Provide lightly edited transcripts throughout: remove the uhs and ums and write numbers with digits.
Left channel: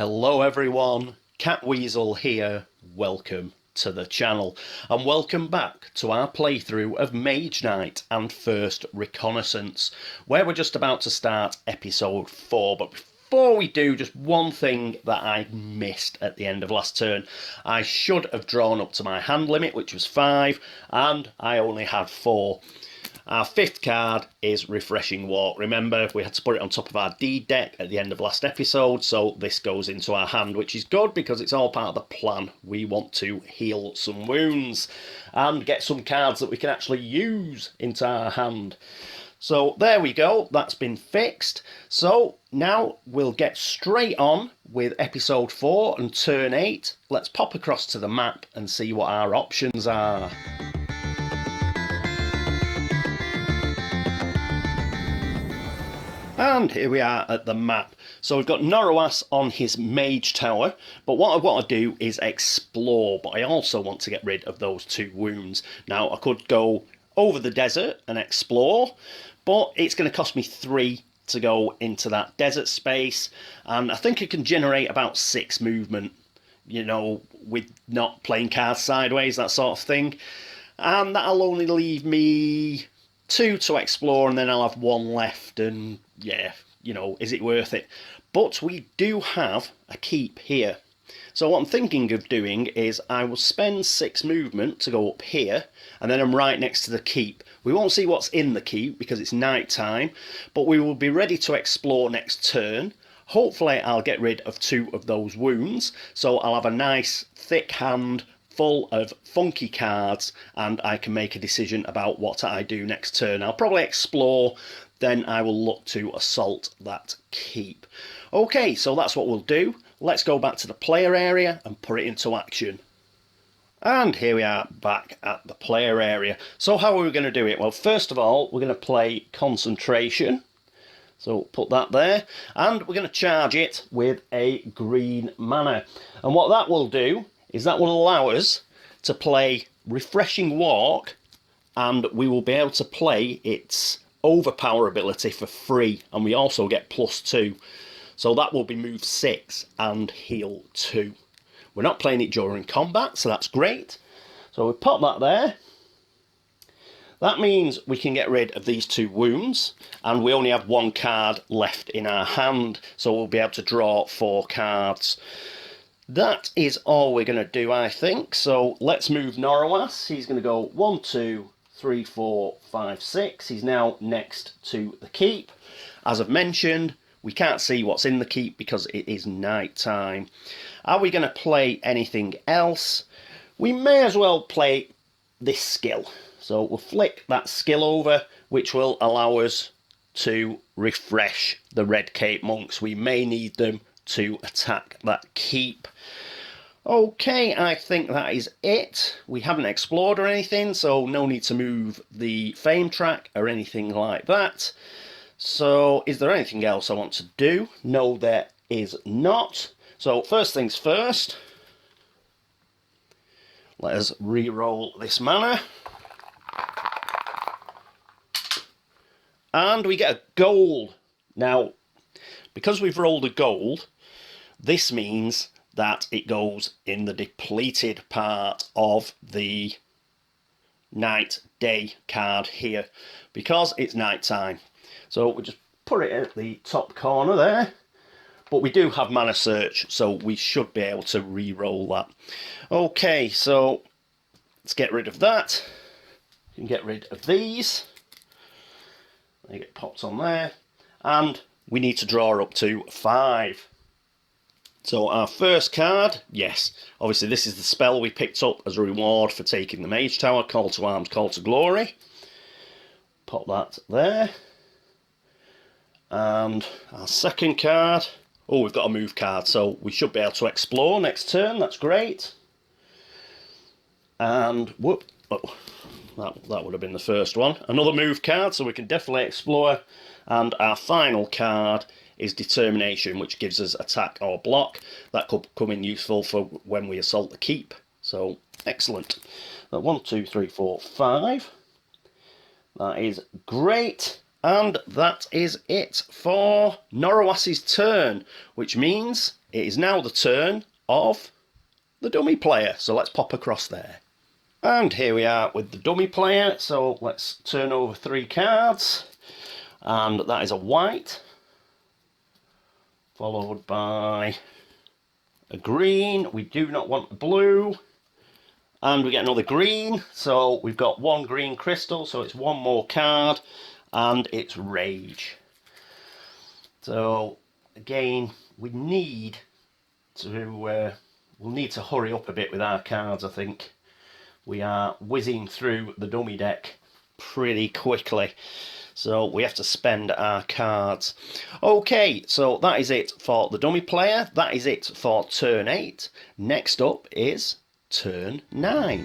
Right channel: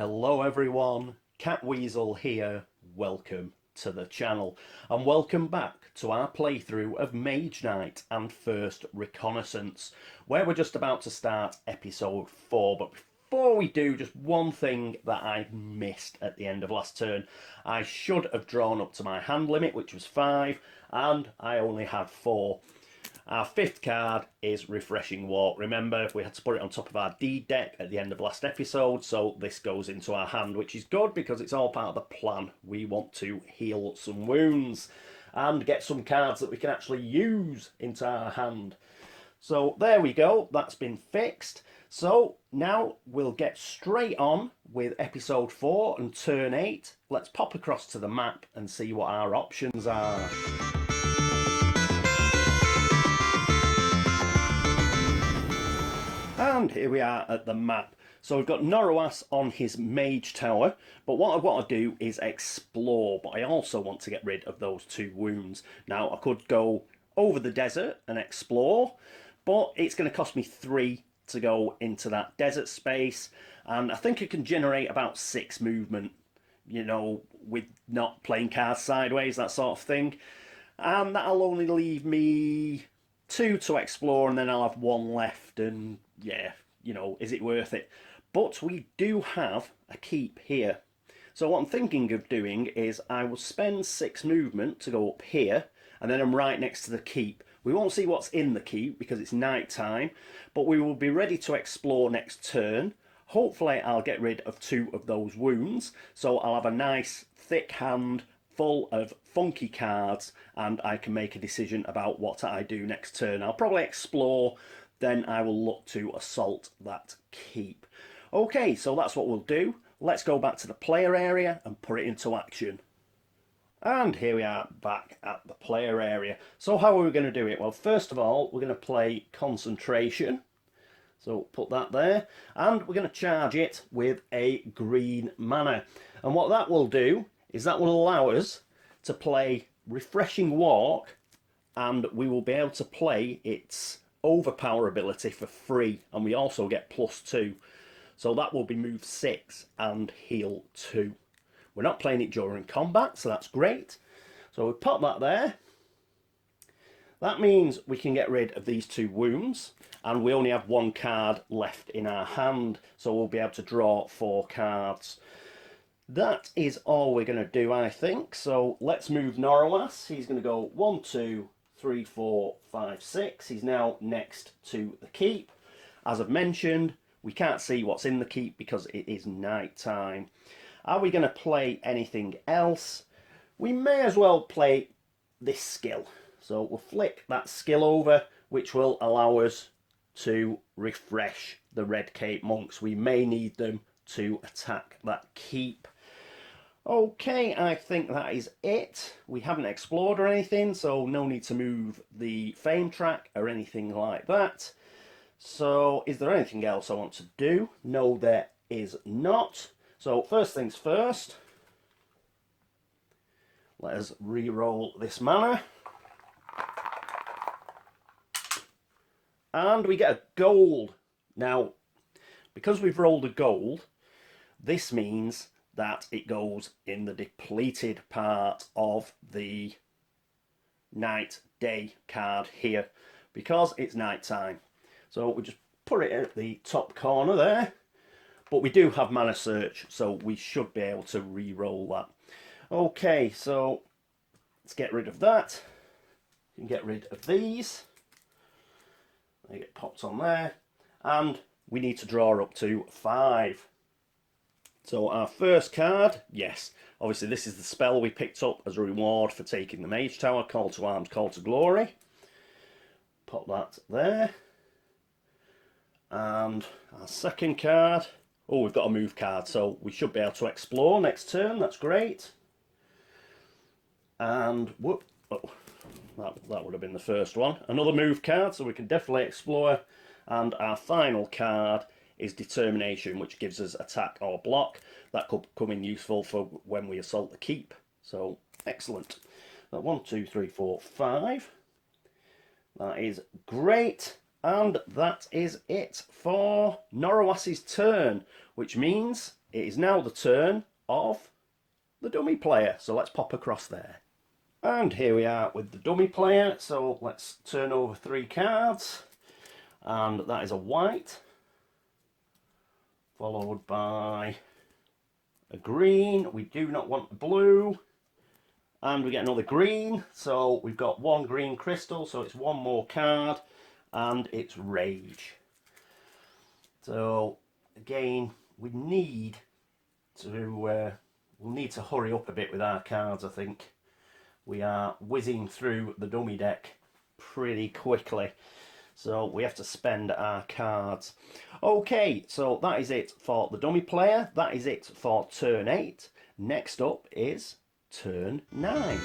Hello everyone, Catweazle here, welcome to the channel and welcome back to our playthrough of Mage Knight and First Reconnaissance, where we're just about to start episode 4. But before we do, just one thing that I missed at the end of last turn. I should have drawn up to my hand limit, which was 5, and I only had 4. Our 5th card is Refreshing Walk. Remember, we had to put it on top of our deed deck at the end of last episode, so this goes into our hand, which is good because it's all part of the plan. We want to heal some wounds and get some cards that we can actually use into our hand. So there we go, that's been fixed. So now we'll get straight on with episode 4 and turn 8. Let's pop across to the map and see what our options are. And here we are at the map. So we've got Norowas on his mage tower, but what I want to do is explore, but I also want to get rid of those 2 wounds. Now I could go over the desert and explore, but it's going to cost me 3 to go into that desert space, and I think I can generate about 6 movement, you know, with not playing cards sideways, that sort of thing. And that'll only leave me 2 to explore, and then I'll have 1 left, and yeah, you know, is it worth it? But we do have a keep here. So what I'm thinking of doing is I will spend 6 movement to go up here, and then I'm right next to the keep. We won't see what's in the keep because it's night time, but we will be ready to explore next turn. Hopefully I'll get rid of 2 of those wounds, so I'll have a nice thick hand full of funky cards, and I can make a decision about what I do next turn. I'll probably explore, then I will look to assault that keep. Okay, so that's what we'll do. Let's go back to the player area and put it into action. And here we are back at the player area. So how are we going to do it? Well, first of all, we're going to play concentration. So put that there, and we're going to charge it with a green mana. And what that will do is that will allow us to play Refreshing Walk, and we will be able to play its overpower ability for free, and we also get +2. So that will be move 6 and heal 2. We're not playing it during combat, so that's great. So we pop that there. That means we can get rid of these 2 wounds, and we only have 1 card left in our hand, so we'll be able to draw 4 cards. That is all we're going to do, I think. So let's move Norowas. He's going to go 1, 2, 3, 4, 5, 6. He's now next to the keep. As I've mentioned, we can't see what's in the keep because it is night time. Are we going to play anything else? We may as well play this skill. So we'll flick that skill over, which will allow us to refresh the Red Cape monks. We may need them to attack that keep. Okay, I think that is it. We haven't explored or anything, so no need to move the fame track or anything like that. So is there anything else I want to do? No, there is not. So first things first, let us re-roll this mana. And we get a gold. Now, because we've rolled a gold, this means that it goes in the depleted part of the night-day card here, because it's night time. So we just put it at the top corner there, but we do have mana search, so we should be able to re-roll that. Okay, so let's get rid of that. You can get rid of these. They get popped on there, and we need to draw up to 5. So our first card, yes, obviously this is the spell we picked up as a reward for taking the Mage Tower, Call to Arms, Call to Glory. Pop that there. And our second card, oh, we've got a move card, so we should be able to explore next turn, that's great. And, whoop, oh, that would have been the first one. Another move card, so we can definitely explore. And our final card is Determination, which gives us attack or block. That could come in useful for when we assault the keep. So, excellent. 1, 2, 3, 4, 5. That is great. And that is it for Norowas's turn, which means it is now the turn of the dummy player. So let's pop across there. And here we are with the dummy player. So let's turn over 3 cards. And that is a white, followed by a green. We do not want a blue. And we get another green. So we've got 1 green crystal. So it's 1 more card. And it's Rage. So again, we need to we'll need to hurry up a bit with our cards. I think we are whizzing through the dummy deck pretty quickly, so we have to spend our cards. Okay, so that is it for the dummy player. That is it for turn 8. Next up is turn 9.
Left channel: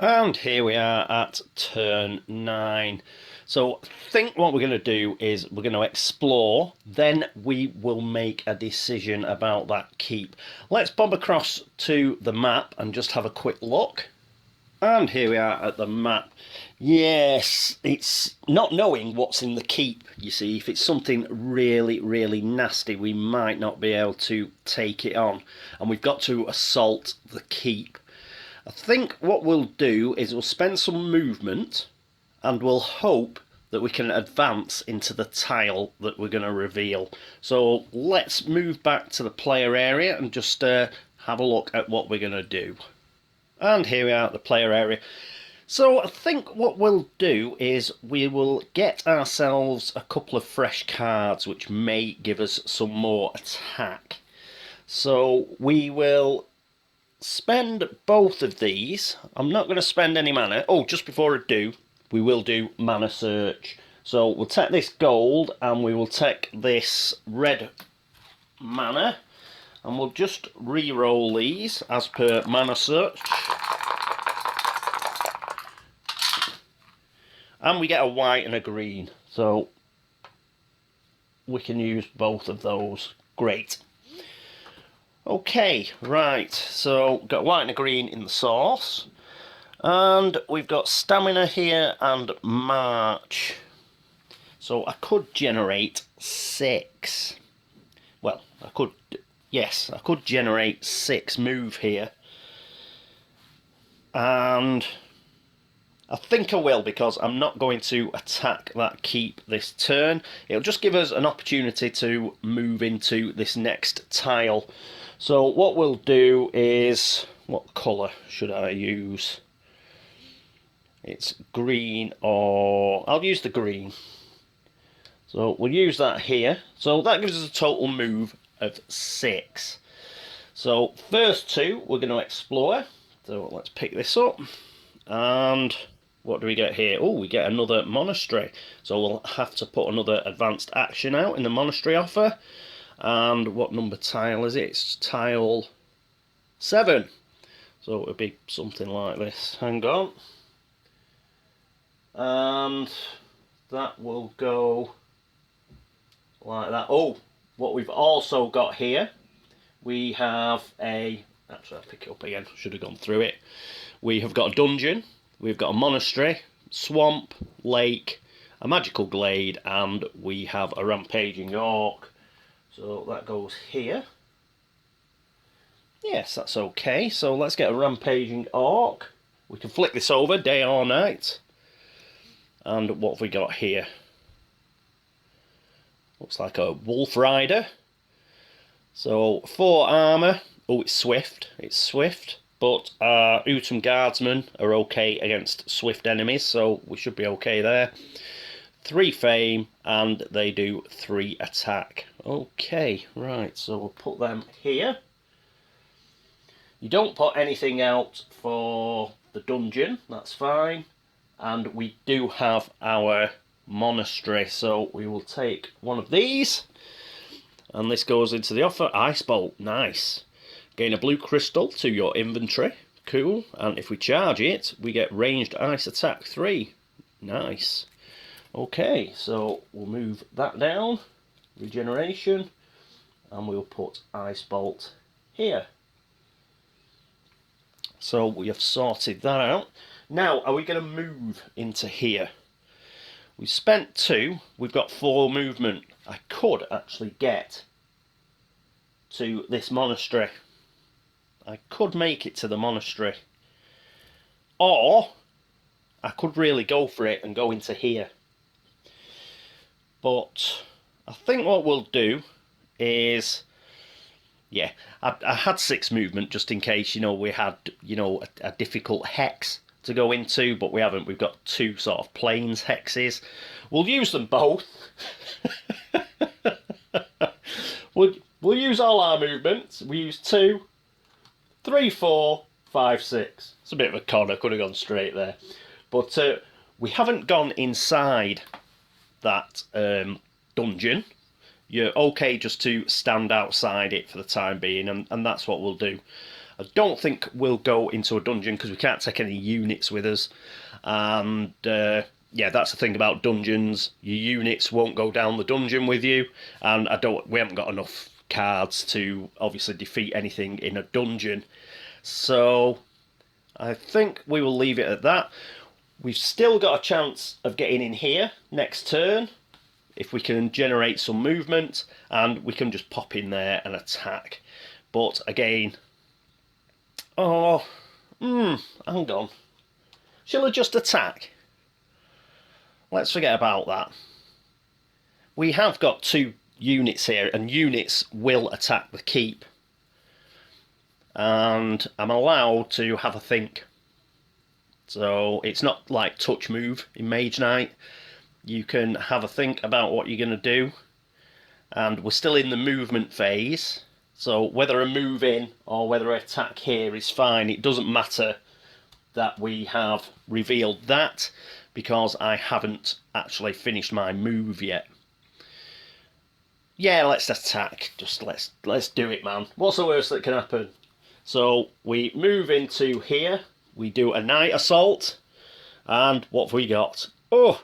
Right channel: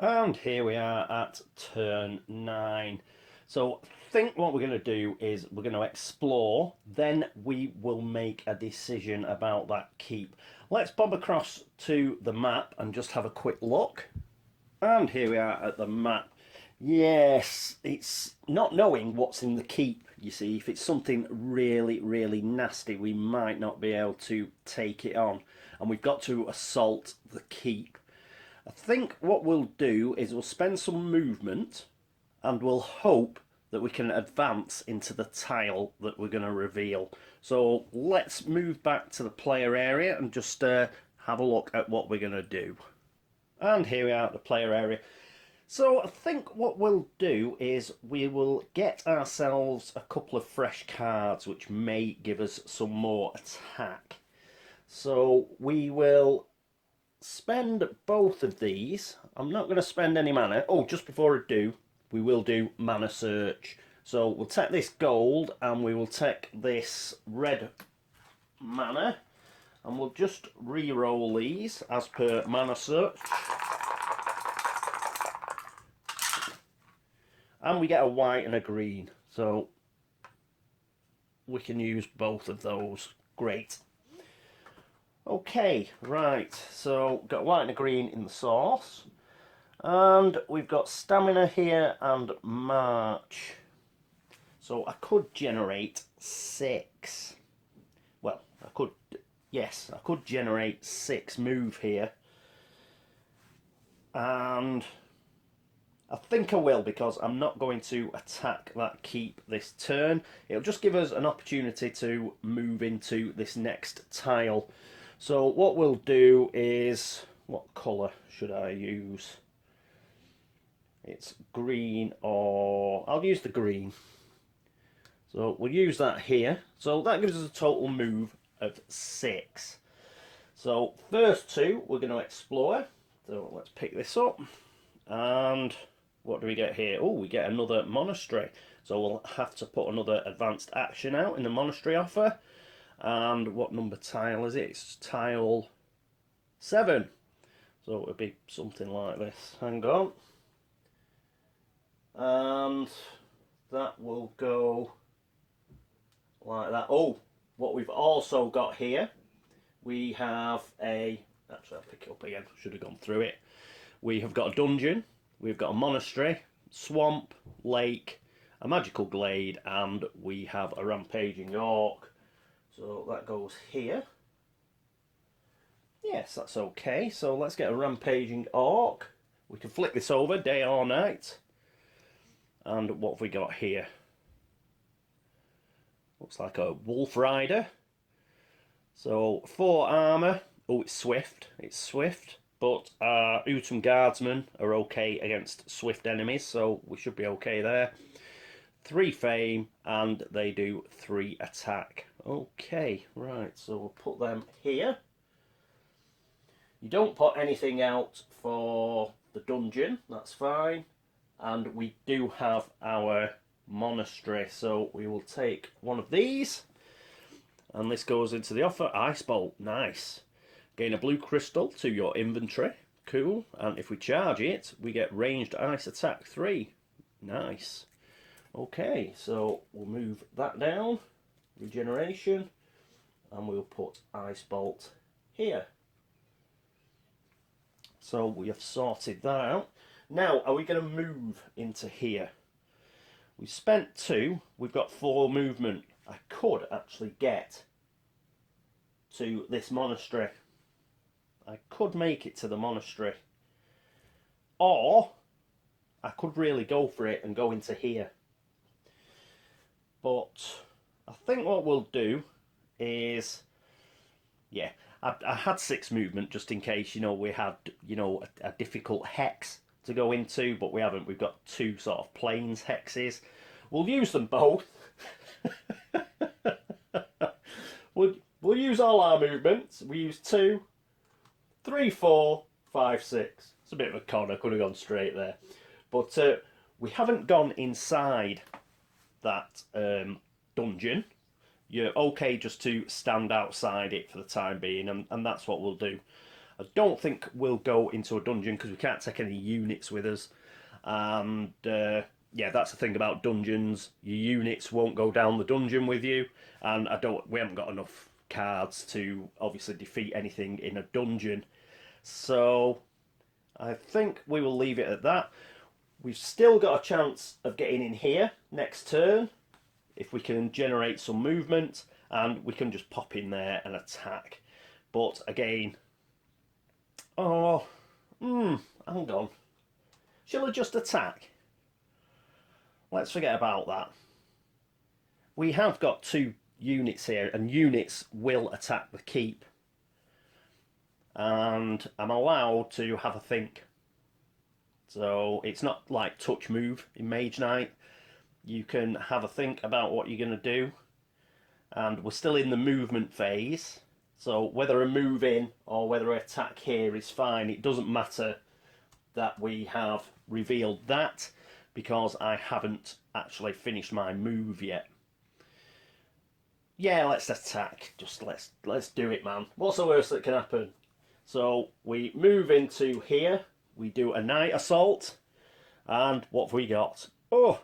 And here we are at turn 9. So I think what we're going to do is we're going to explore, then we will make a decision about that keep. Let's bob across to the map and just have a quick look. And here we are at the map. Yes, it's not knowing what's in the keep, you see. If it's something really, really nasty, we might not be able to take it on. And we've got to assault the keep. I think what we'll do is we'll spend some movement and we'll hope that we can advance into the tile that we're going to reveal. So let's move back to the player area and just have a look at what we're going to do. And here we are at the player area. So I think what we'll do is we will get ourselves a couple of fresh cards which may give us some more attack. So we will spend both of these. I'm not going to spend any mana. Oh, just before I do, we will do mana search. So we'll take this gold and we will take this red mana and we'll just re-roll these as per mana search. And we get a white and a green. So we can use both of those. Great. Okay, right, so got white and a green in the source, and we've got stamina here and march. So I could generate 6. Well, I could generate 6 move here, and I think I will because I'm not going to attack that keep this turn. It'll just give us an opportunity to move into this next tile. So what we'll do is, what colour should I use? It's green, or I'll use the green. So we'll use that here. So that gives us a total move of 6. So first 2 we're going to explore. So let's pick this up. And what do we get here? Oh, we get another monastery. So we'll have to put another advanced action out in the monastery offer. And what number tile is it? It's tile 7. So it would be something like this. Hang on. And that will go like that. Oh, what we've also got here, we have a... Actually, I'll pick it up again. Should have gone through it. We have got a dungeon. We've got a monastery, swamp, lake, a magical glade, and we have a rampaging orc. So that goes here. Yes, that's okay. So let's get a rampaging orc. We can flick this over, day or night. And what have we got here? Looks like a wolf rider. So 4 armour. Oh, it's swift. It's swift. But our Utum guardsmen are okay against swift enemies, so we should be okay there. 3 fame, and they do 3 attack. Okay, right, so we'll put them here. You don't put anything out for the dungeon, that's fine. And we do have our monastery, so we will take one of these. And this goes into the offer. Ice Bolt, nice. Gain a blue crystal to your inventory, cool. And if we charge it, we get ranged ice attack 3, nice. Okay, so we'll move that down, regeneration, and we'll put Ice Bolt here. So we have sorted that out. Now, are we going to move into here? We've spent 2. We've got 4 movement. I could actually get to this monastery. I could make it to the monastery. Or I could really go for it and go into here. But I think what we'll do is, yeah, I had 6 movement just in case, we had, a difficult hex to go into, but we haven't. We've got 2 sort of plains hexes. We'll use them both. We'll use all our movements. We use 2, 3, 4, 5, 6. It's a bit of a con. I could have gone straight there. But we haven't gone inside that dungeon. You're okay just to stand outside it for the time being, and that's what we'll do. I don't think we'll go into a dungeon because we can't take any units with us. And yeah, that's the thing about dungeons. Your units won't go down the dungeon with you, and we haven't got enough cards to obviously defeat anything in a dungeon. So I think we will leave it at that. We've still got a chance of getting in here next turn if we can generate some movement, and we can just pop in there and attack. But again, hang on. Shall I just attack? Let's forget about that. We have got 2 units here, and units will attack the keep. And I'm allowed to have a think. So it's not like touch move in Mage Knight. You can have a think about what you're going to do. And we're still in the movement phase. So whether I move in or whether I attack here is fine. It doesn't matter that we have revealed that, because I haven't actually finished my move yet. Yeah, let's attack. Just let's do it, man. What's the worst that can happen? So we move into here. We do a night assault. And what have we got? Oh,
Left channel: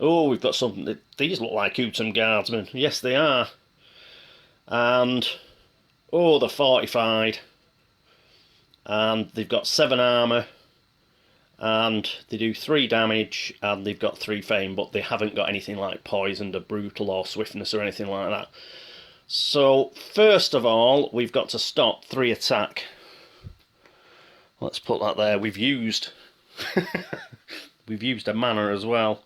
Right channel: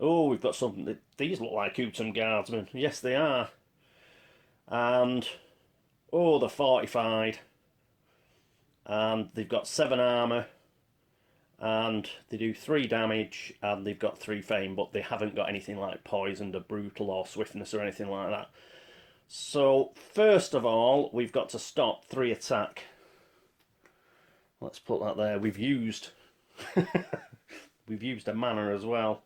we've got something. These look like Utum Guardsmen. Yes, they are. And, they're fortified. And they've got 7 armour. And they do 3 damage. And they've got 3 fame. But they haven't got anything like poisoned or brutal or swiftness or anything like that. So, first of all, we've got to stop 3 attack. Let's put that there. We've used a mana as well.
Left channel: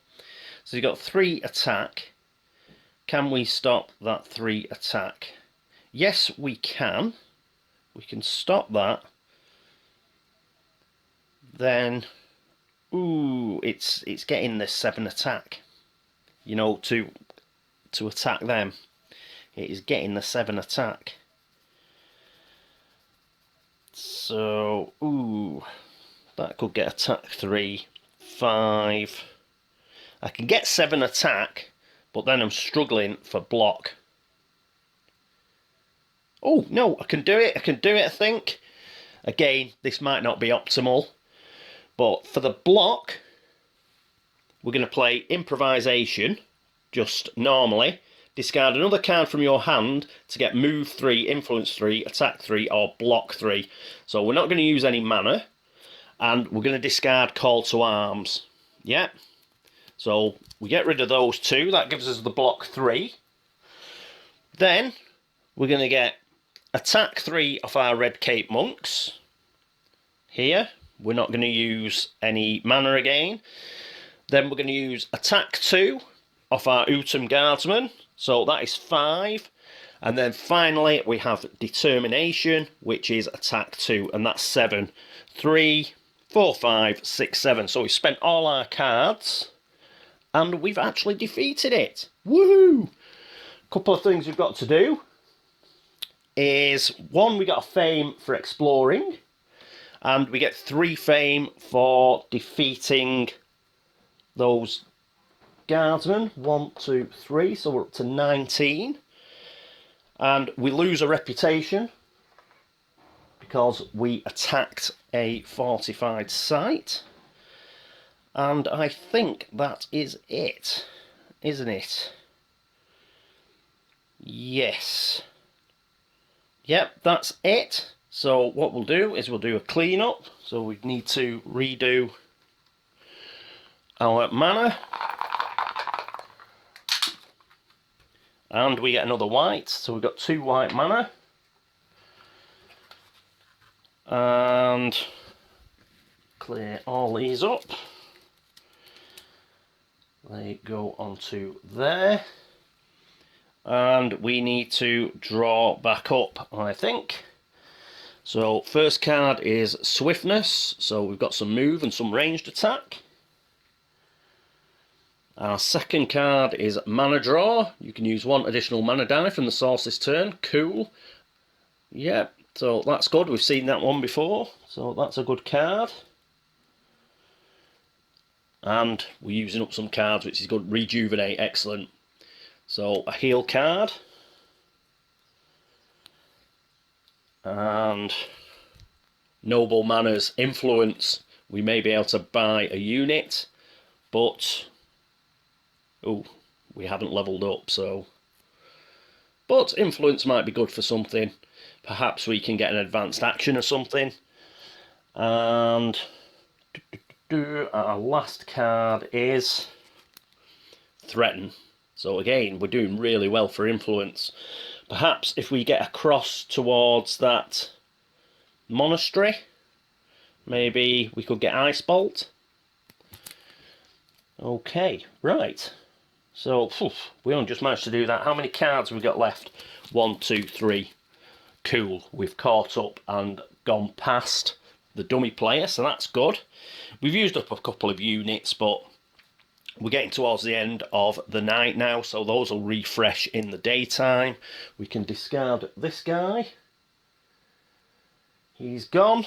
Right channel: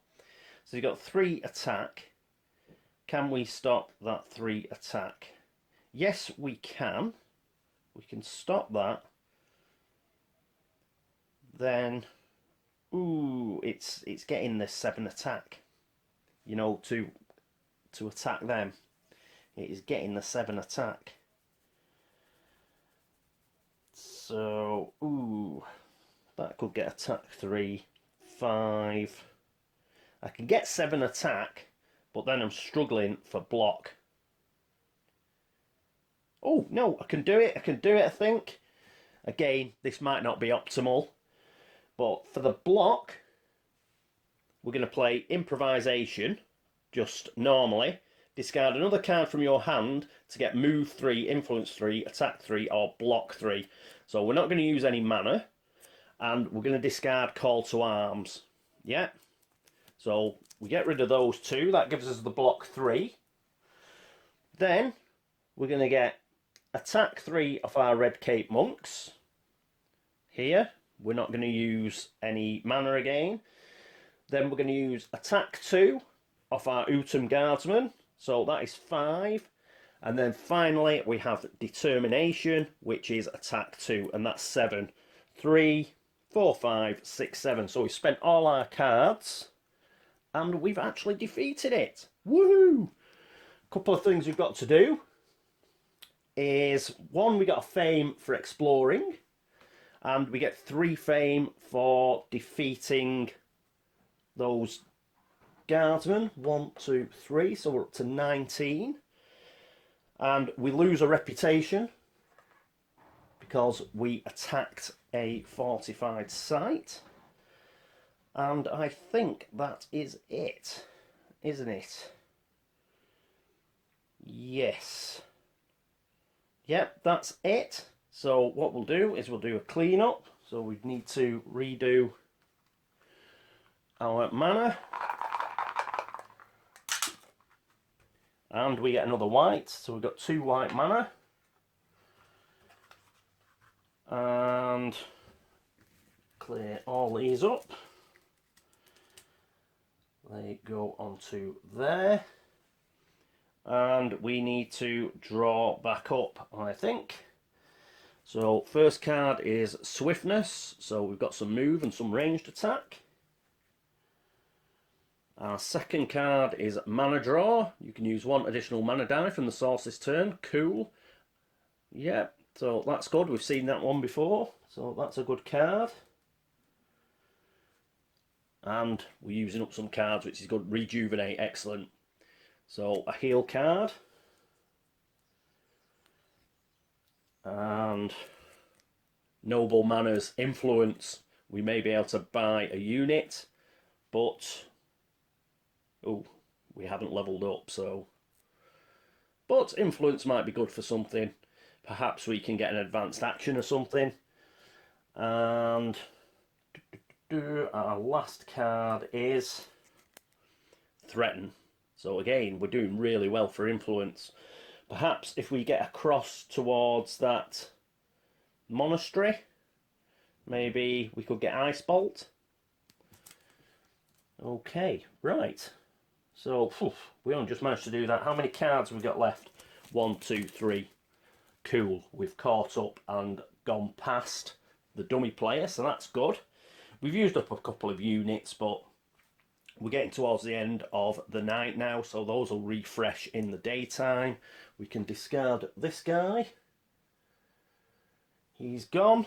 So you've got 3 attack. Can we stop that 3 attack? Yes, we can. We can stop that. Then, it's getting the 7 attack. To attack them. It is getting the 7 attack. So, that could get attack 3, 5. I can get 7 attack, but then I'm struggling for block. Oh, no, I can do it. I think. Again, this might not be optimal. But for the block, we're going to play improvisation, just normally. Discard another card from your hand to get move 3, influence 3, attack 3, or block 3. So we're not going to use any mana. And we're going to discard call to arms. Yeah. So we get rid of those 2. That gives us the block 3. Then we're going to get attack 3 of our Red Cape Monks. Here. We're not going to use any mana again. Then we're going to use attack 2 of our Utum Guardsmen. So that is 5. And then finally we have determination, which is attack 2. And that's 7. 3, 4, 5, 6, 7. So we've spent all our cards. And we've actually defeated it. Woohoo! Couple of things we've got to do is, 1, we got a fame for exploring, and we get 3 fame for defeating those guardsmen. 1, 2, 3, so we're up to 19. And we lose a reputation because we attacked a fortified site. And I think that is it, isn't it? Yes. Yep, that's it. So what we'll do is we'll do a clean up. So we need to redo our mana. And we get another white, so we've got 2 white mana. And clear all these up. They go onto there. And we need to draw back up, I think. So first card is Swiftness, so we've got some move and some ranged attack. Our second card is Mana Draw. You can use 1 additional mana die from the source this turn. Cool. Yep, so that's good. We've seen that one before, so that's a good card. And we're using up some cards, which is good. Rejuvenate, excellent. So a heal card. And Noble Manners, Influence. We may be able to buy a unit, but oh, we haven't leveled up, so. But Influence might be good for something. Perhaps we can get an advanced action or something. And our last card is Threaten. So again, we're doing really well for Influence. Perhaps if we get across towards that monastery, maybe we could get Ice Bolt. Okay, right. So, we only just managed to do that. How many cards have we got left? 1, 2, 3. Cool. We've caught up and gone past the dummy player, so that's good. We've used up a couple of units, but we're getting towards the end of the night now, so those will refresh in the daytime. We can discard this guy. He's gone.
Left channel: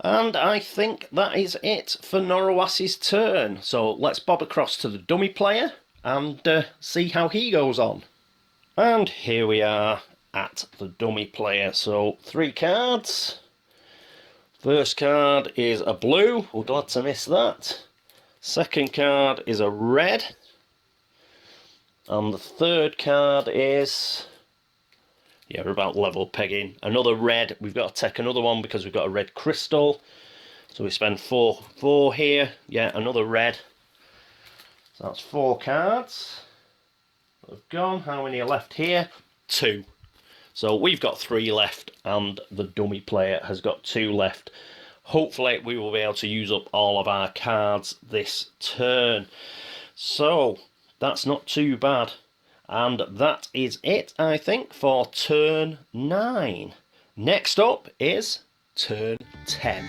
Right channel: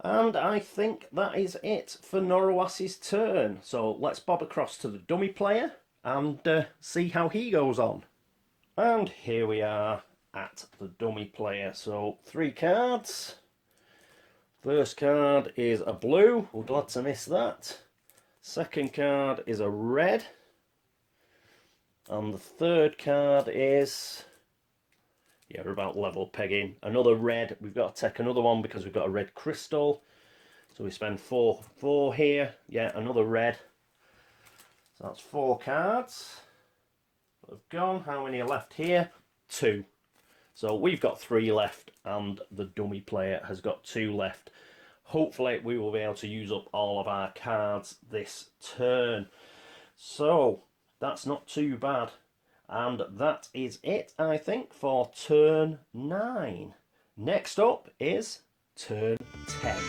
And I think that is it for Norowas's turn. So let's bob across to the dummy player and see how he goes on. And here we are at the dummy player. So 3 cards. First card is a blue. We're glad to miss that. Second card is a red. And the third card is, yeah, we're about level pegging. Another red. We've got to take another one because we've got a red crystal. So we spend 4 here. Yeah, another red. So that's 4 cards. They've gone. How many are left here? 2. So we've got 3 left and the dummy player has got 2 left. Hopefully we will be able to use up all of our cards this turn. So that's not too bad. And that is it, I think, for turn 9. Next up is turn 10.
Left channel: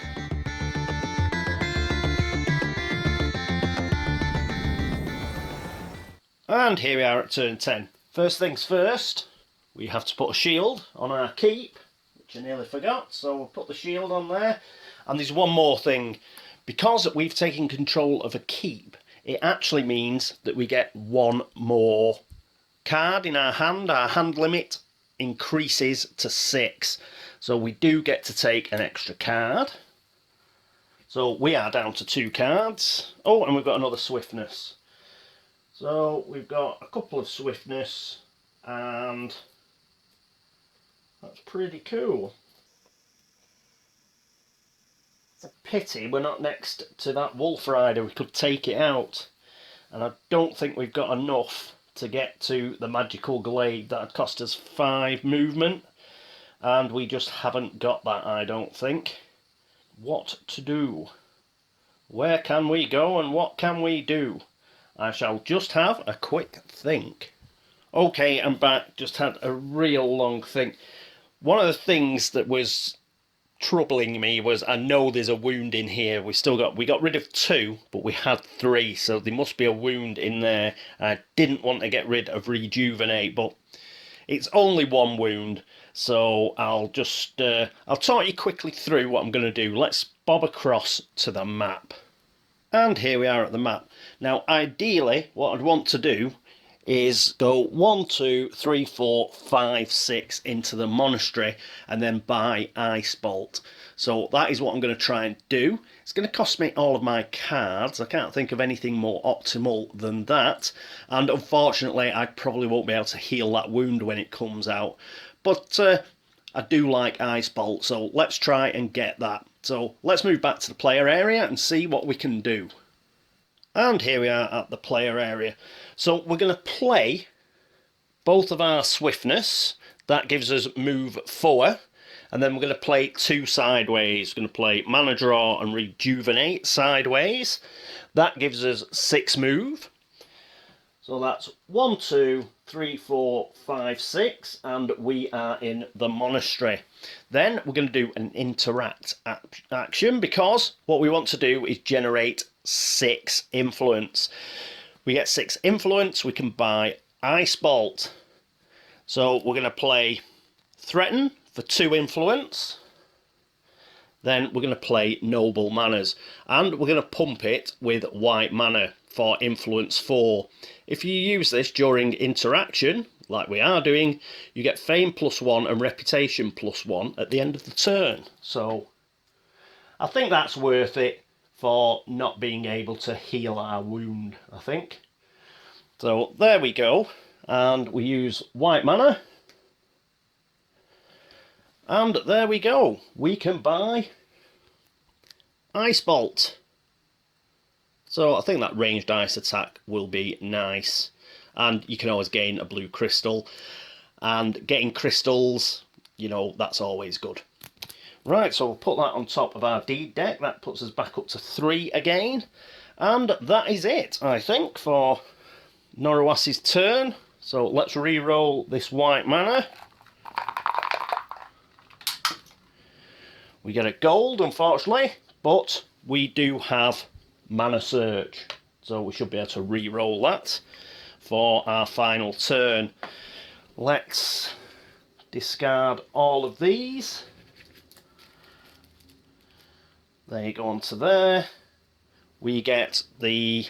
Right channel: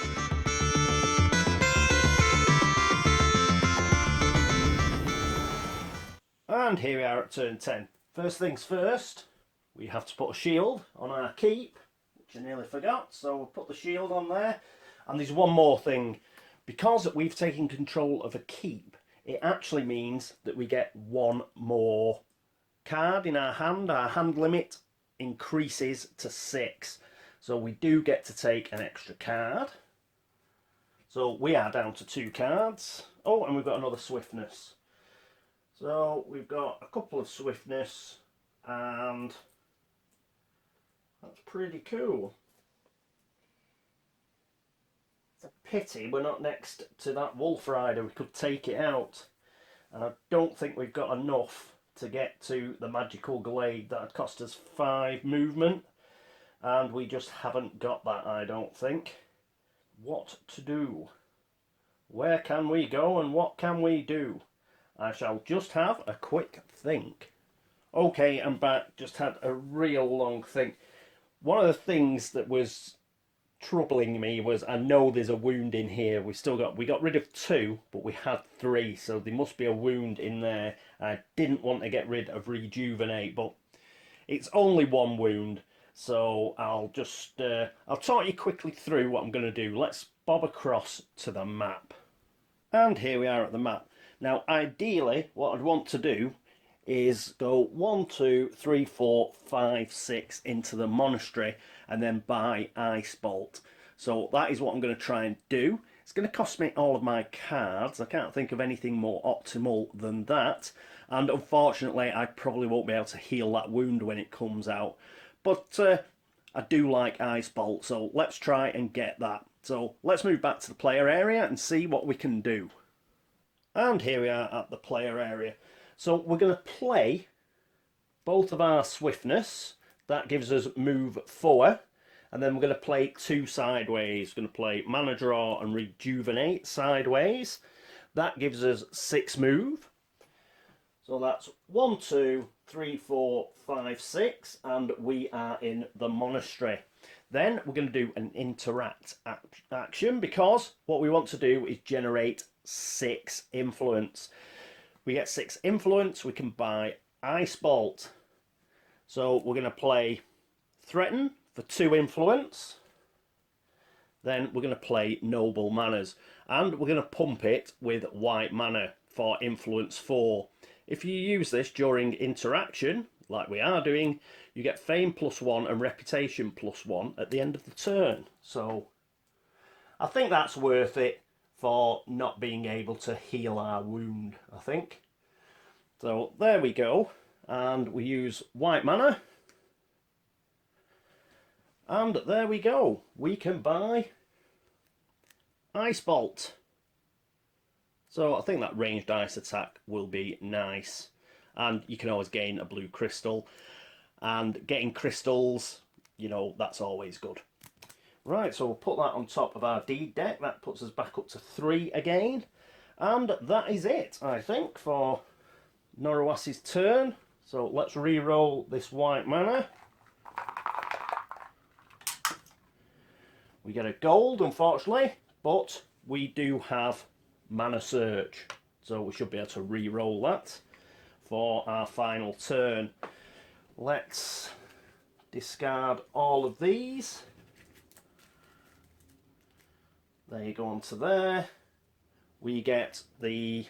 And here we are at turn 10. First things first, we have to put a shield on our keep, which I nearly forgot. So we'll put the shield on there. And there's one more thing. Because we've taken control of a keep, it actually means that we get 1 more card in our hand. Our hand limit increases to 6. So we do get to take an extra card. So we are down to 2 cards. Oh, and we've got another Swiftness. So we've got a couple of Swiftness, and that's pretty cool. It's a pity we're not next to that Wolf Rider. We could take it out. And I don't think we've got enough to get to the magical glade. That would cost us 5 movement. And we just haven't got that, I don't think. What to do? Where can we go and what can we do? I shall just have a quick think. Okay, I'm back. Just had a real long think. One of the things that was troubling me was, I know there's a wound in here. We got rid of 2, but we had 3, so there must be a wound in there. I didn't want to get rid of Rejuvenate, but it's only 1 wound, so I'll just I'll talk you quickly through what I'm going to do. Let's bob across to the map. And here we are at the map. Now, ideally, what I'd want to do is go 1, 2, 3, 4, 5, 6 into the monastery and then buy Ice Bolt. So that is what I'm going to try and do. It's going to cost me all of my cards. I can't think of anything more optimal than that. And unfortunately, I probably won't be able to heal that wound when it comes out. But I do like Ice Bolt, so let's try and get that. So let's move back to the player area and see what we can do. And here we are at the player area. So we're going to play both of our swiftness. That gives us move 4. And then we're going to play 2 sideways. We're going to play mana draw and rejuvenate sideways. That gives us 6 move. So that's 1, 2, 3, 4, 5, 6. And we are in the monastery. Then we're going to do an interact action, because what we want to do is generate 6 influence. We get 6 influence, we can buy Ice Bolt. So we're going to play Threaten for 2 influence. Then we're going to play Noble Manners. And we're going to pump it with white mana for influence 4. If you use this during interaction, like we are doing, you get Fame +1 and Reputation +1 at the end of the turn. So I think that's worth it for not being able to heal our wound, I think. So there we go. And we use white mana. And there we go. We can buy Ice Bolt. So I think that ranged ice attack will be nice. And you can always gain a blue crystal. And getting crystals, you know, that's always good. Right, so we'll put that on top of our deed deck. That puts us back up to 3 again. And that is it, I think, for Norowas' turn. So let's re-roll this white mana. We get a gold, unfortunately, but we do have Mana Search. So we should be able to re-roll that for our final turn. Let's discard all of these. There you go, onto there. We get the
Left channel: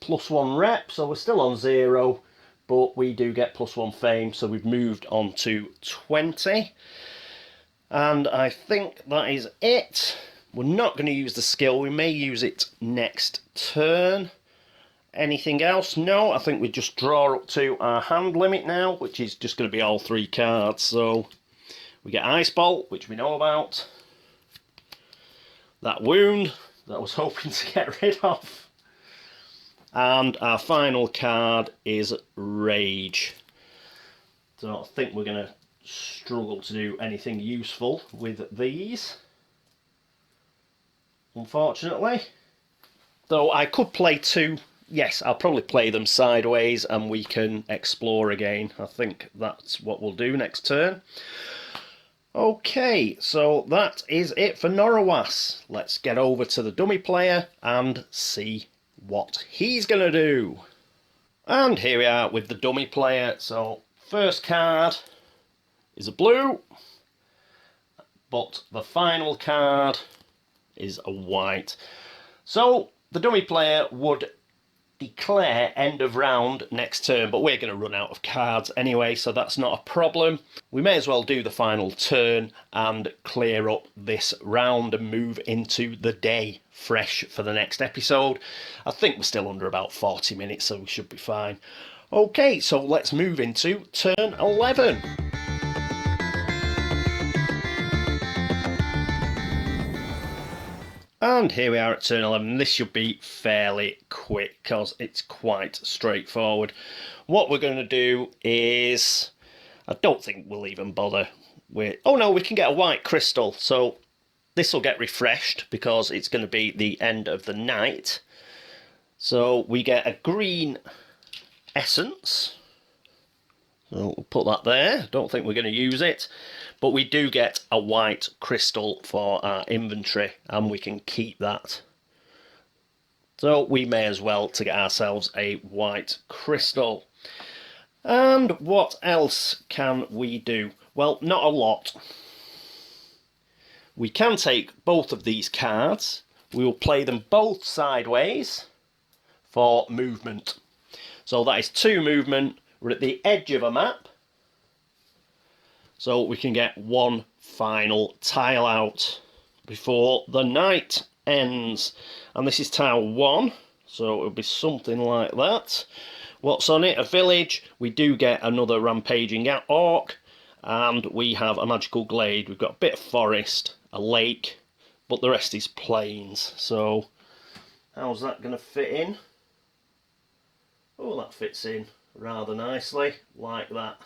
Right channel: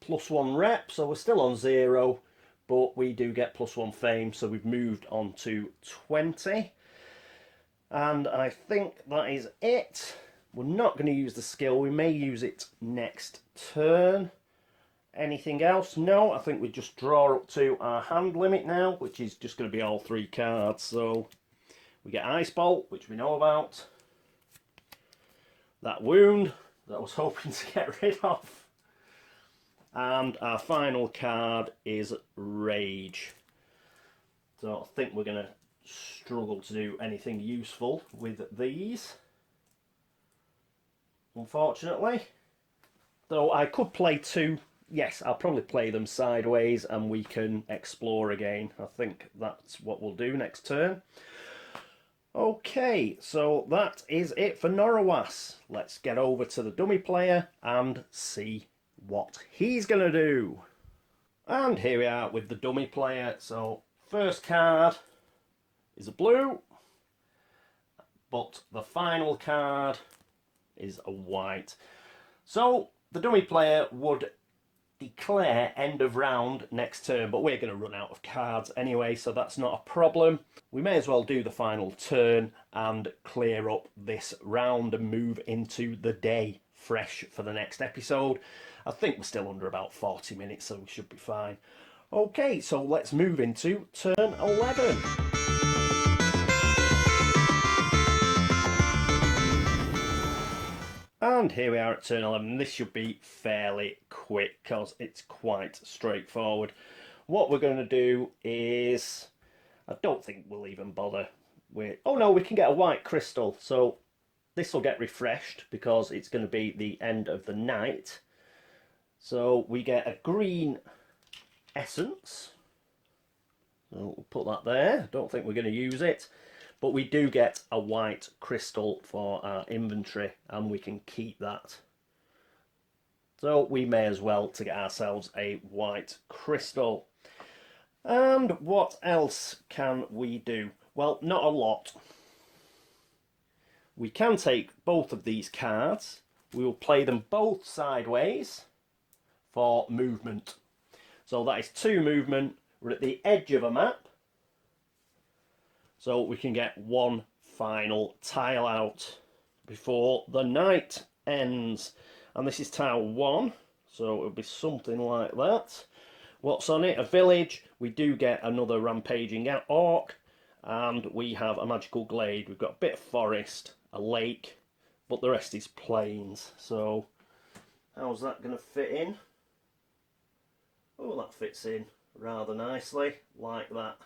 +1 rep, so we're still on 0, but we do get +1 fame, so we've moved on to 20. And I think that is it. We're not going to use the skill. We may use it next turn. Anything else? No, I think we just draw up to our hand limit now, which is just going to be all 3 cards. So we get Ice Bolt, which we know about. That wound that I was hoping to get rid of. And our final card is Rage. So I think we're going to struggle to do anything useful with these, unfortunately. Though I could play 2. Yes, I'll probably play them sideways and we can explore again. I think that's what we'll do next turn. Okay, so that is it for Norowas. Let's get over to the dummy player and see what he's going to do. And here we are with the dummy player. So first card is a blue, but the final card is a white. So the dummy player would declare end of round next turn, but we're going to run out of cards anyway, so that's not a problem. We may as well do the final turn and clear up this round and move into the day fresh for the next episode. I think we're still under about 40 minutes, so we should be fine. Okay, so let's move into turn 11. And here we are at turn 11. This should be fairly quick because it's quite straightforward. What we're going to do is, I don't think we'll even bother with, oh no, we can get a white crystal. So this will get refreshed because it's going to be the end of the night. So we get a green essence. So we'll put that there. Don't think we're going to use it. But we do get a white crystal for our inventory, and we can keep that. So we may as well to get ourselves a white crystal. And what else can we do? Well, not a lot. We can take both of these cards. We will play them both sideways for movement. So that is 2 movement. We're at the edge of a map. So we can get 1 final tile out before the night ends. And this is tile 1, so it'll be something like that. What's on it? A village. We do get another rampaging orc. And we have a magical glade. We've got a bit of forest, a lake, but the rest is plains. So how's that going to fit in? Oh, that fits in rather nicely, like that.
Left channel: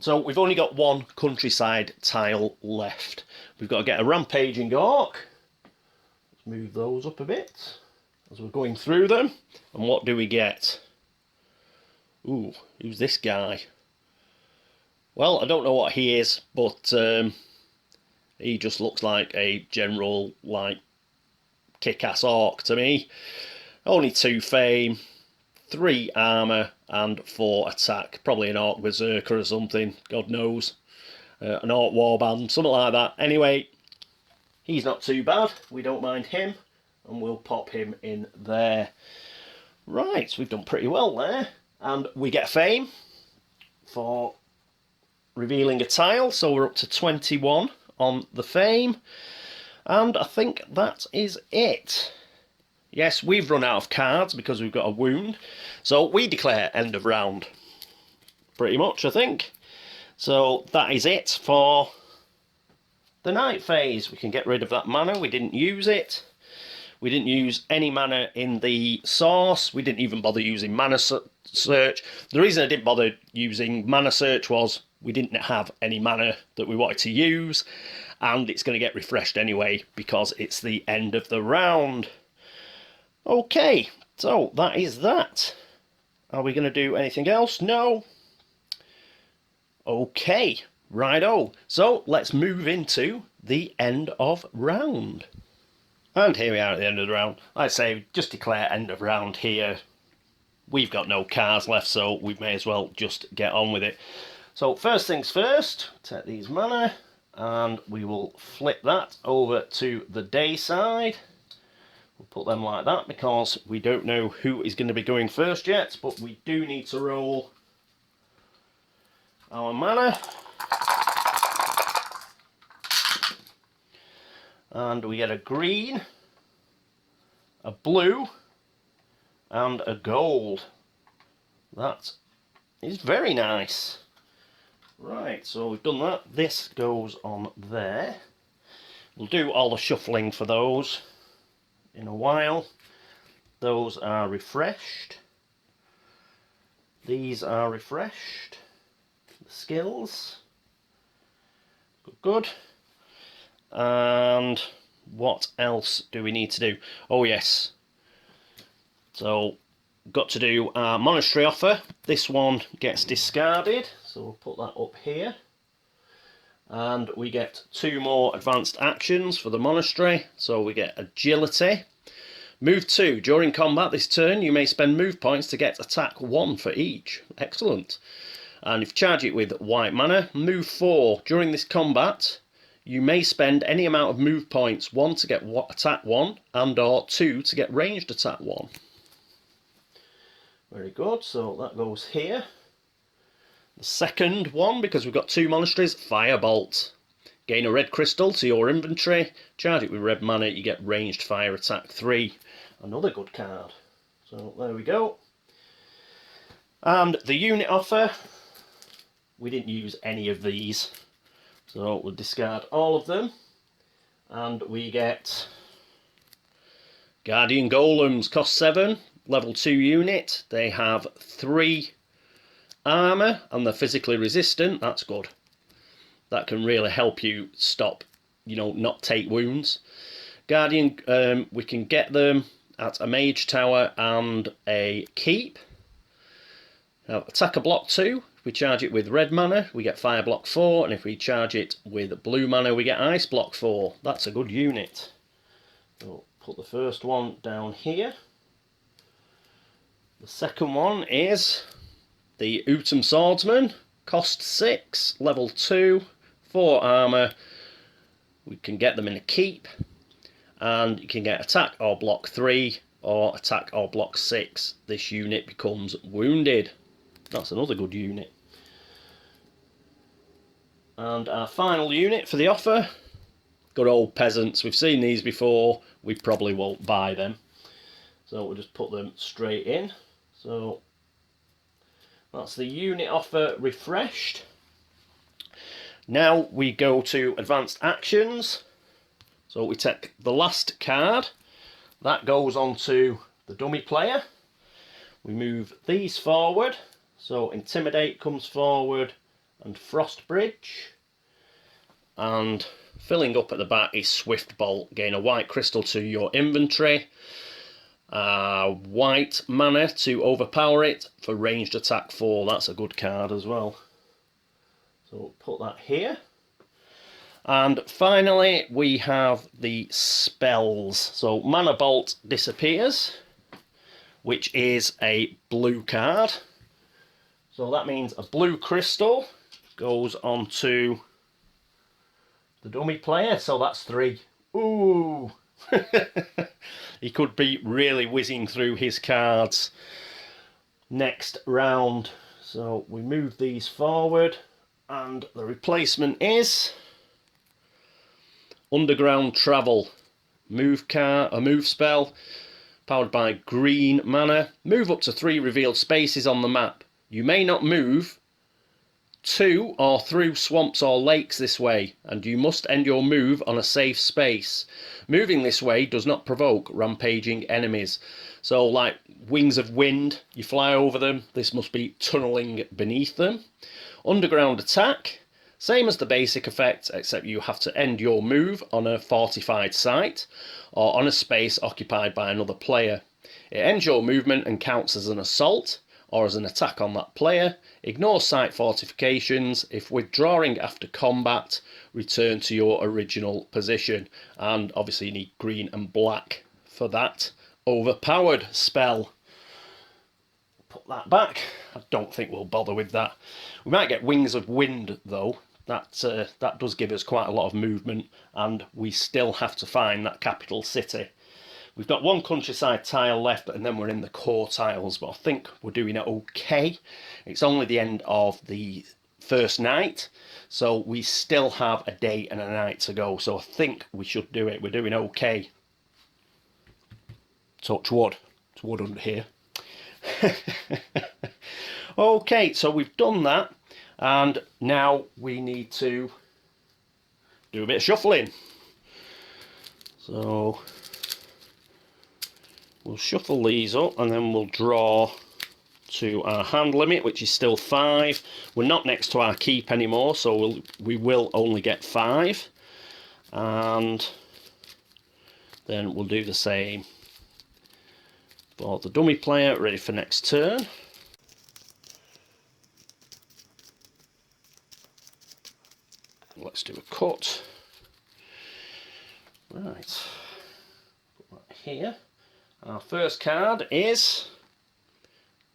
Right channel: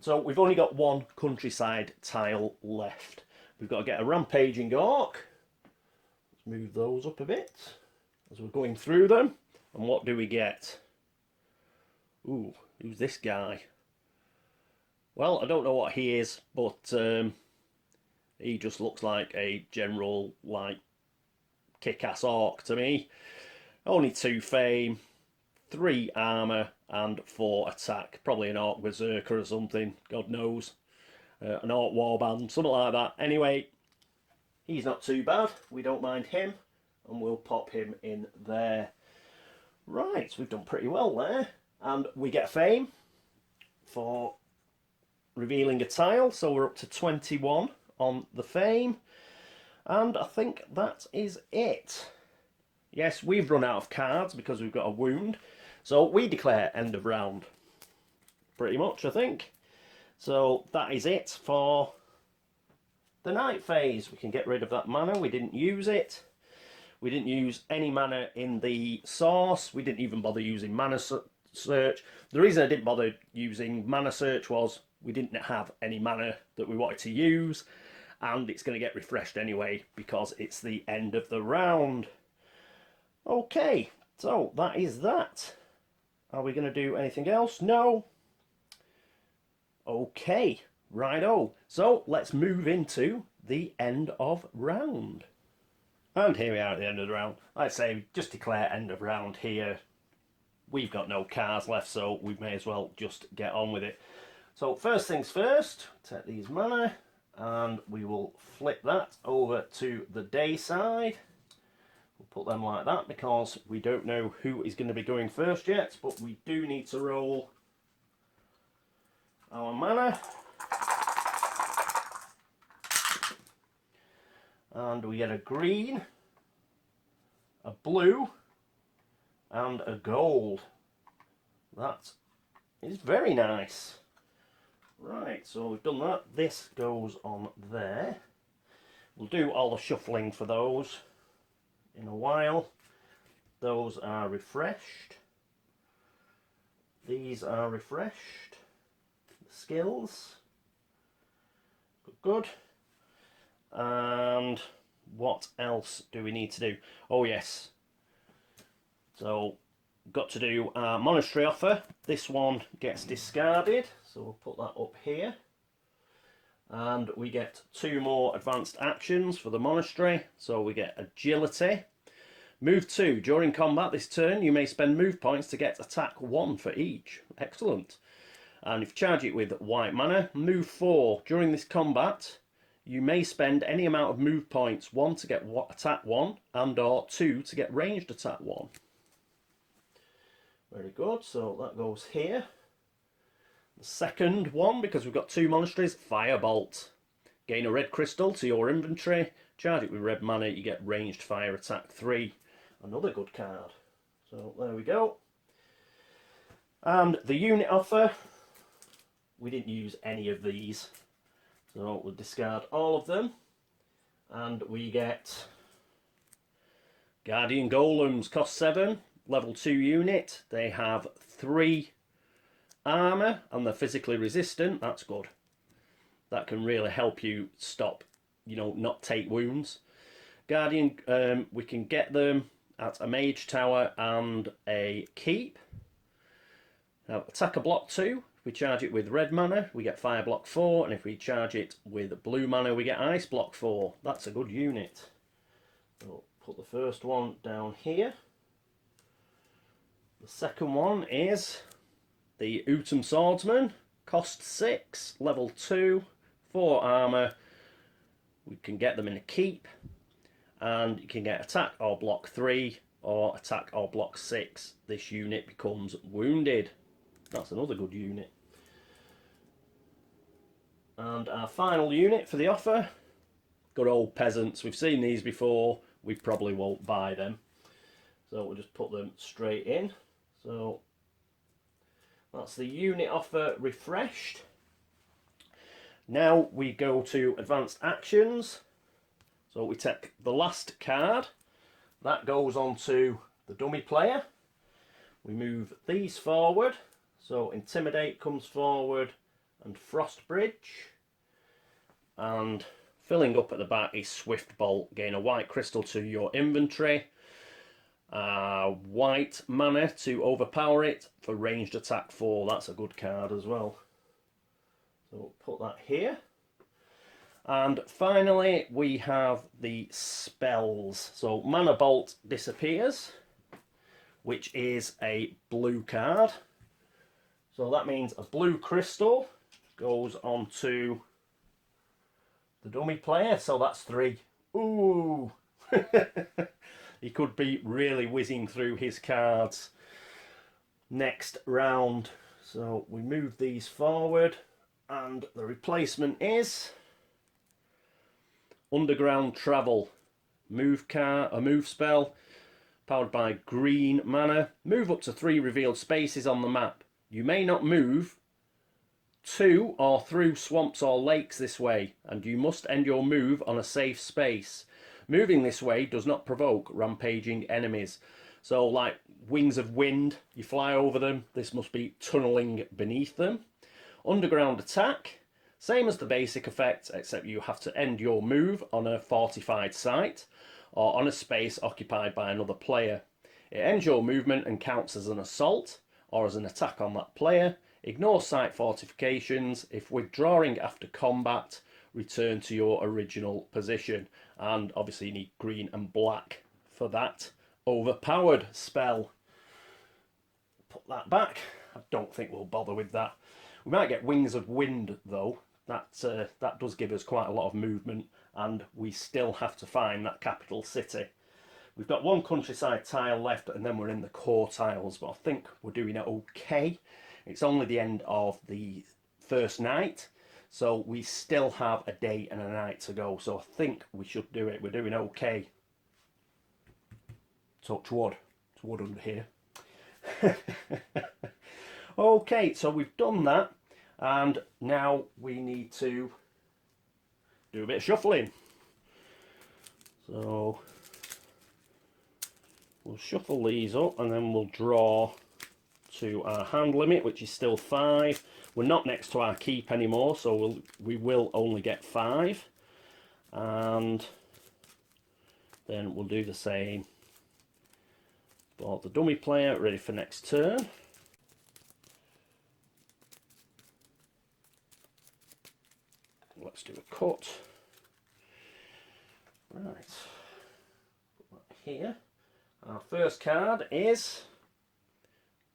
So we've only got one countryside tile left. We've got to get a rampaging orc. Let's move those up a bit as we're going through them. And what do we get? Ooh, who's this guy? Well, I don't know what he is, but he just looks like a general, like, kick-ass orc to me. Only 2 fame, 3 armour and 4 attack. Probably an orc berserker or something, God knows. An orc warband, something like that. Anyway, he's not too bad. We don't mind him, and we'll pop him in there. Right, so we've done pretty well there. And we get fame for revealing a tile, so we're up to 21 on the fame. And I think that is it. Yes, we've run out of cards because we've got a wound. So we declare end of round. Pretty much, I think. So that is it for the night phase. We can get rid of that mana. We didn't use it. We didn't use any mana in the source. We didn't even bother using mana search. The reason I didn't bother using mana search was we didn't have any mana that we wanted to use. And it's going to get refreshed anyway because it's the end of the round. Okay, so that is that. Are we going to do anything else? No. Okay, righto. So let's move into the end of round. And here we are at the end of the round. Like I say, just declare end of round here. We've got no cards left, so we may as well just get on with it. So first things first, take these mana, and we will flip that over to the day side. We'll put them like that because we don't know who is going to be going first yet, but we do need to roll our mana. And we get a green, a blue, and a gold. That is very nice. Right, so we've done that. This goes on there. We'll do all the shuffling for those in a while. Those are refreshed. These are refreshed. The skills. Good. And what else do we need to do? Oh yes, so got to do our monastery offer. This one gets discarded, so we'll put that up here. And we get 2 more advanced actions for the monastery. So we get agility. Move 2. During combat this turn you may spend move points to get attack 1 for each. Excellent. And if you charge it with white mana, move 4. During this combat you may spend any amount of move points, 1 to get attack 1 and or 2 to get ranged attack 1. Very good, so that goes here. The second one, because we've got 2 monasteries, Firebolt. Gain a red crystal to your inventory, charge it with red mana, you get ranged fire attack 3. Another good card. So there we go. And the unit offer, we didn't use any of these. So we'll discard all of them, and we get Guardian Golems, cost 7, level 2 unit. They have 3 armour and they're physically resistant. That's good. That can really help you stop, not take wounds. Guardian, we can get them at a mage tower and a keep. Now, attacker block 2. If we charge it with red mana, we get fire block 4, and if we charge it with blue mana, we get ice block 4. That's a good unit. We'll put the first one down here. The second one is the Utum Swordsman, cost 6, level 2, 4 armour. We can get them in a keep, and you can get attack or block 3, or attack or block 6. This unit becomes wounded. That's another good unit. And our final unit for the offer, good old peasants. We've seen these before, we probably won't buy them. So we'll just put them straight in. So that's the unit offer refreshed. Now we go to advanced actions. So we take the last card. That goes on to the dummy player. We move these forward. So Intimidate comes forward and Frost Bridge. And filling up at the back is Swift Bolt. Gain a white crystal to your inventory. White mana to overpower it for ranged attack 4. That's a good card as well. So we'll put that here. And finally we have the spells. So Mana Bolt disappears, which is a blue card. So that means a blue crystal goes onto the dummy player. So that's 3. Ooh! He could be really whizzing through his cards next round. So we move these forward, and the replacement is Underground Travel. A move spell, powered by green mana. Move up to 3 revealed spaces on the map. You may not move to or through swamps or lakes this way, and you must end your move on a safe space. Moving this way does not provoke rampaging enemies. So like Wings of Wind, you fly over them, this must be tunneling beneath them. Underground Attack, same as the basic effect, except you have to end your move on a fortified site or on a space occupied by another player. It ends your movement and counts as an assault or as an attack on that player. Ignore site fortifications. If withdrawing after combat, return to your original position. And obviously you need green and black for that overpowered spell. Put that back. I don't think we'll bother with that. We might get Wings of Wind though. That does give us quite a lot of movement, and we still have to find that capital city. We've got 1 countryside tile left, and then we're in the core tiles, but I think we're doing it okay. It's only the end of the first night, so we still have a day and a night to go, so I think we should do it. We're doing okay. Touch wood. It's wood under here. Okay, so we've done that, and now we need to do a bit of shuffling. So we'll shuffle these up, and then we'll draw to our hand limit, which is still 5. We're not next to our keep anymore, so we will only get 5. And then we'll do the same for the dummy player, ready for next turn. Let's do a cut. Right. Put that here. Our first card is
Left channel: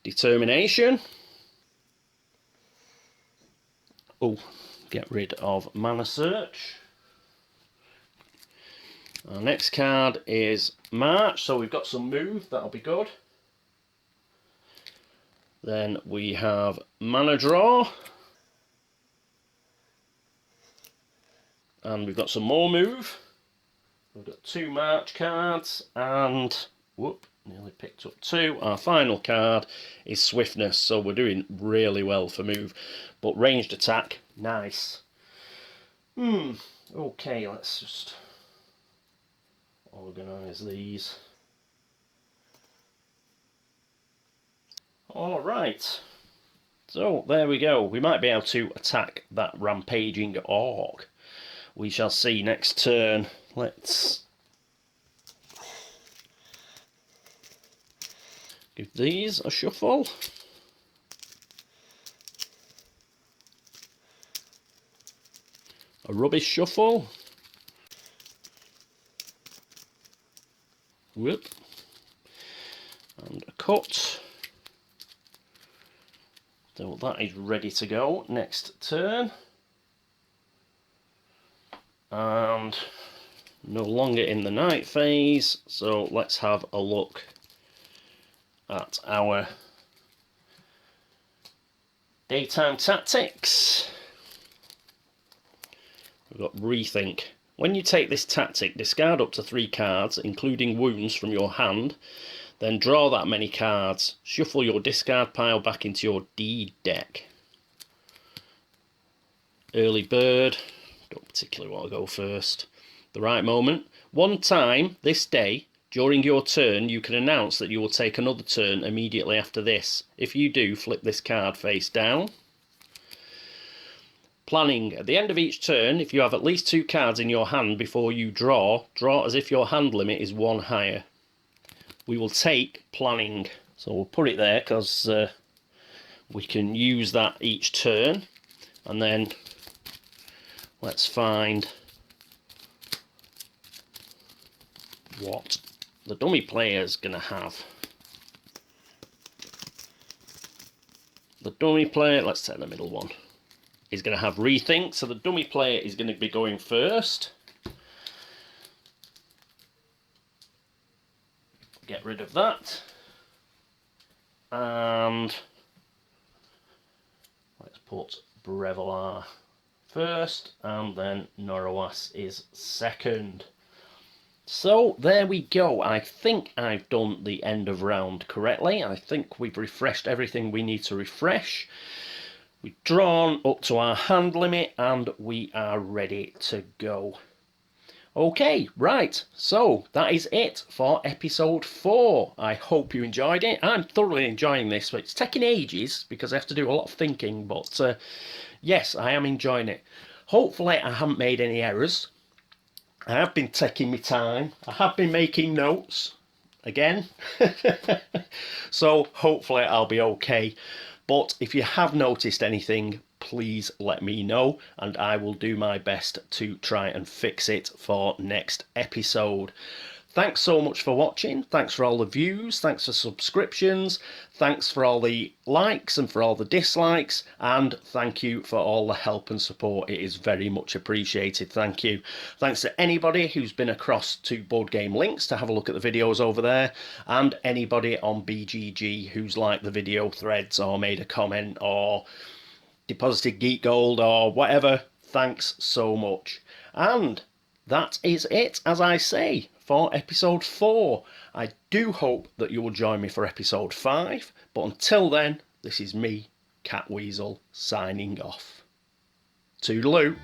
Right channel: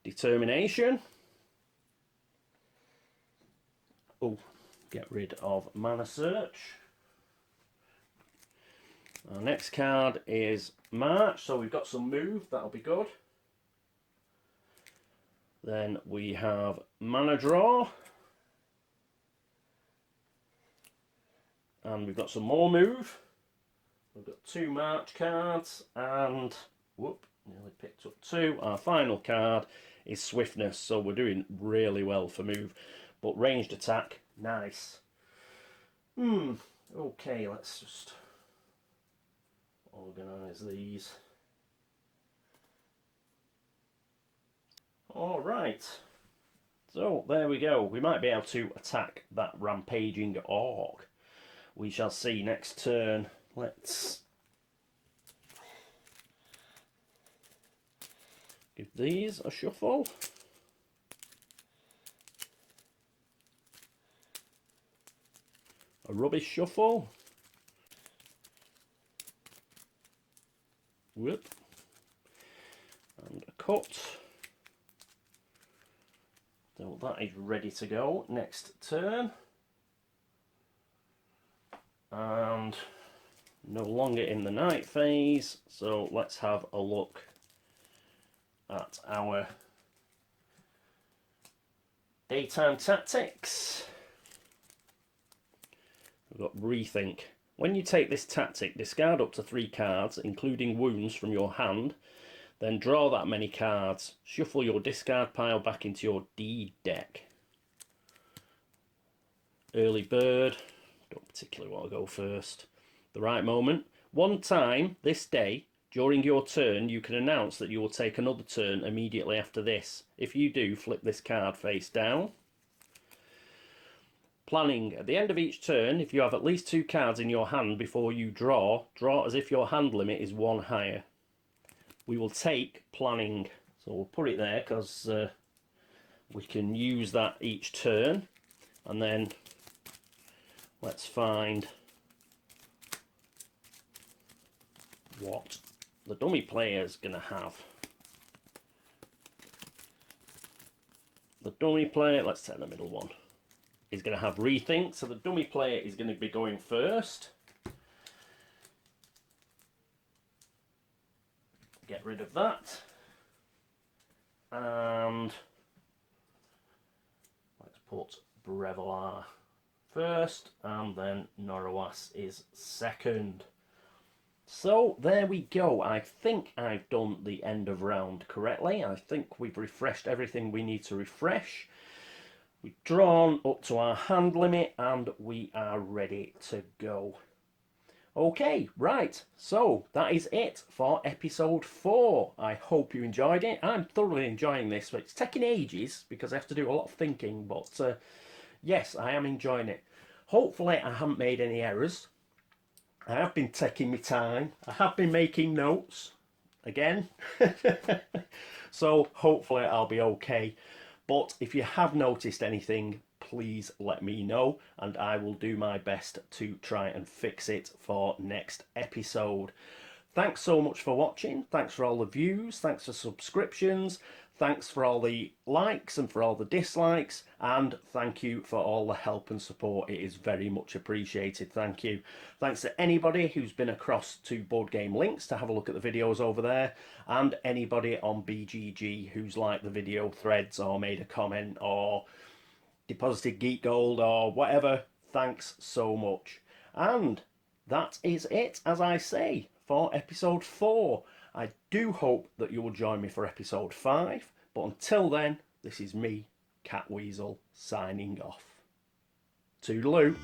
Determination. Oh, get rid of Mana Search. Our next card is March, so we've got some move, that'll be good. Then we have Mana Draw. And we've got some more move. We've got 2 March cards, and whoop, nearly picked up 2. Our final card is Swiftness, so we're doing really well for move. But ranged attack, nice. Okay, let's just organise these. Alright, so there we go. We might be able to attack that rampaging orc. We shall see next turn. Let's give these a shuffle. A rubbish shuffle. Whoop. And a cut. So that is ready to go next turn. And no longer in the night phase, so let's have a look at our daytime tactics. We've got Rethink. When you take this tactic, discard up to 3 cards, including wounds, from your hand, then draw that many cards. Shuffle your discard pile back into your deed deck. Early Bird. Don't particularly want to go first. The Right Moment. 1 time this day, During your turn, you can announce that you will take another turn immediately after this. If you do, flip this card face down. Planning. At the end of each turn, if you have at least 2 cards in your hand before you draw as if your hand limit is 1 higher. We will take planning. So we'll put it there because we can use that each turn. And then let's find what the dummy player is going to have. The dummy player, let's take the middle one, is going to have rethink. So the dummy player is going to be going first. Get rid of that. And let's put Brevolar first, and then Norowas is second. So there we go. I think I've done the end of round correctly. I think we've refreshed everything we need to refresh. We've drawn up to our hand limit and we are ready to go. Okay, right, so that is it for episode 4. I hope you enjoyed it. I'm thoroughly enjoying this, but it's taking ages because I have to do a lot of thinking, but yes, I am enjoying it. Hopefully I haven't made any errors. I have been taking my time. I have been making notes again. So hopefully I'll be okay. But if you have noticed anything, please let me know and I will do my best to try and fix it for next episode. Thanks so much for watching. Thanks for all the views. Thanks for subscriptions. Thanks for all the likes and for all the dislikes. And thank you for all the help and support. It is very much appreciated. Thank you. Thanks to anybody who's been across to Board Game Links to have a look at the videos over there. And anybody on BGG who's liked the video threads or made a comment or deposited Geek Gold or whatever. Thanks so much. And that is it, as I say, for episode 4. I do hope that you will join me for episode 5, but until then, this is me, Catweazle, signing off. Toodaloo.